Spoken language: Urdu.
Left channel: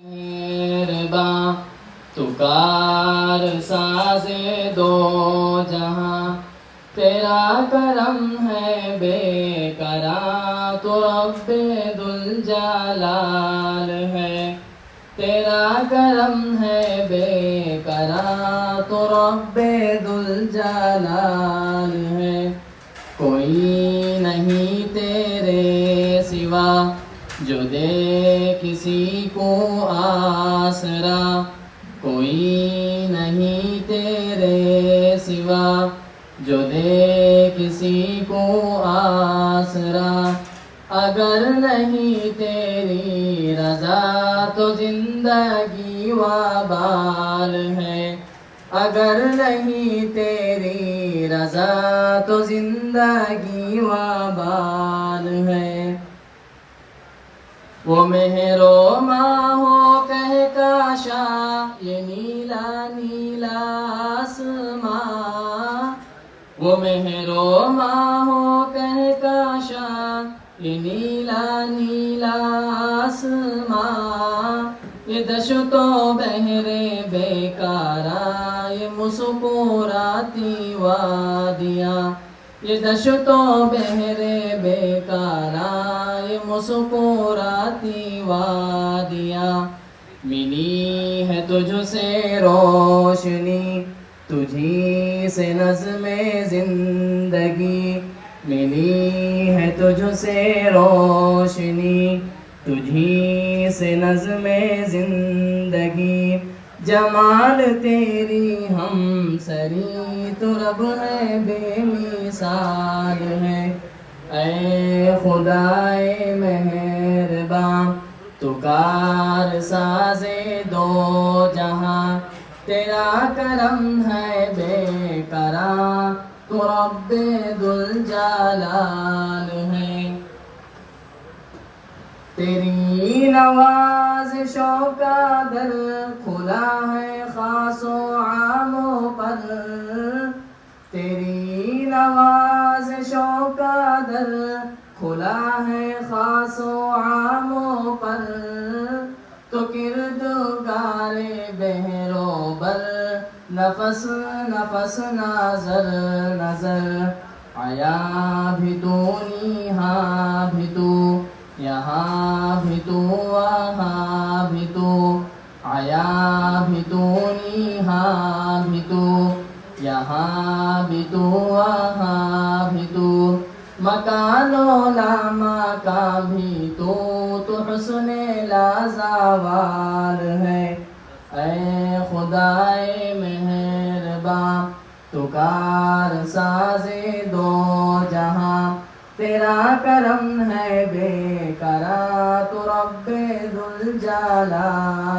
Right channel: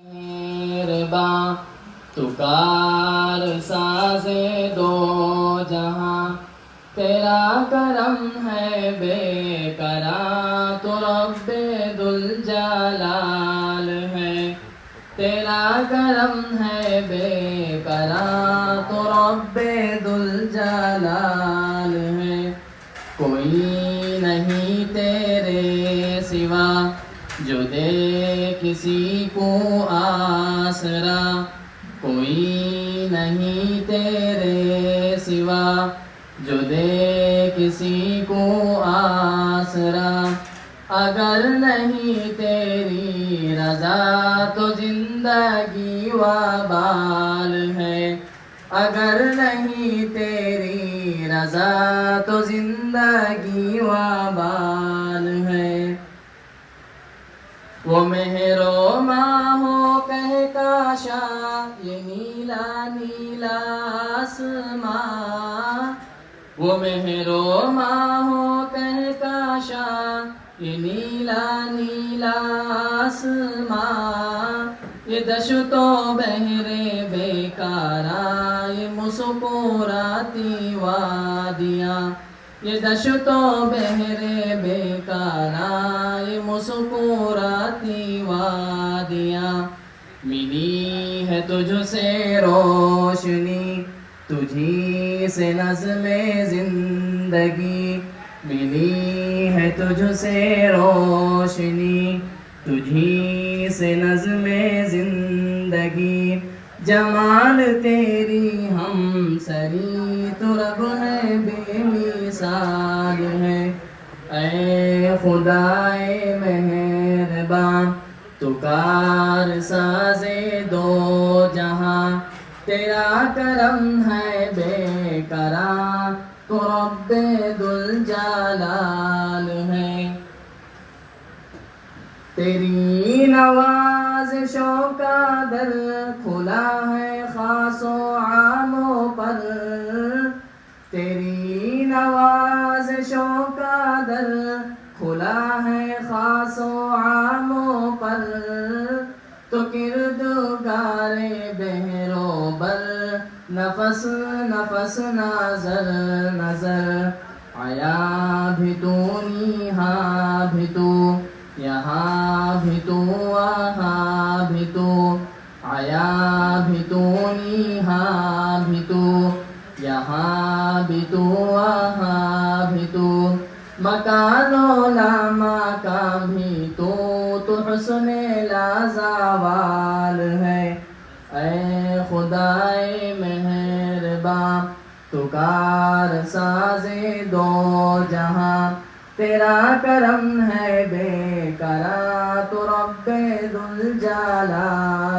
مہرباں تو کار ساز دو جہاں، تیرا کرم ہے بے قرار تو رب ذوالجلال ہے، تیرا کرم ہے بے قرار تو رب ذوالجلال ہے، کوئی نہیں تیرے سوا جو دے کسی کو آسرا، کوئی نہیں تیرے سوا جو دے کسی کو آسرا، اگر نہیں تیری رضا تو زندگی وبال ہے، اگر نہیں تیری رضا تو زندگی وبال ہے، وہ مہر و ماہو کہکشا یہ نیلا نیلا آسماں، وہ مہر و ماہو کہکشا یہ نیلا نیلا آسماں، یہ دشت و بحرے بیکاراں یہ مسکراتی وادیاں، یہ دشت و بحرے بیکاراں یہ مسکراتی وادیاں، ملی ہے تجھ سے روشنی تجھی سے نظم زندگی، ملی ہے تجھ سے روشنی تجھی سے نظم زندگی، جمال تیری ہم سری تو رب ہے بے مثال ہے، اے خدائے مہرباں تو کار ساز دو جہاں، تیرا کرم ہے بے قرار تو رب ذوالجلال ہے، تیری نوازشوں کا در کھلا ہے خاص و عاموں پر، تیری نوازشوں کا در کھلا ہے خاص و عاموں پر، تو کردگار بحر و بر نفس نفس نظر نظر، آیا بھی تو یہاں بھی تو، یہاں بھی تو وہاں بھی تو، آیا بھی تو یہاں بھی تو، یہاں بھی تو وہاں بھی تو، مکان و لامکان بھی تو حسن لازوال ہے، اے خدائے مہرباں تو کار ساز دو جہاں، تیرا کرم ہے بے قرار تو رب ذوالجلال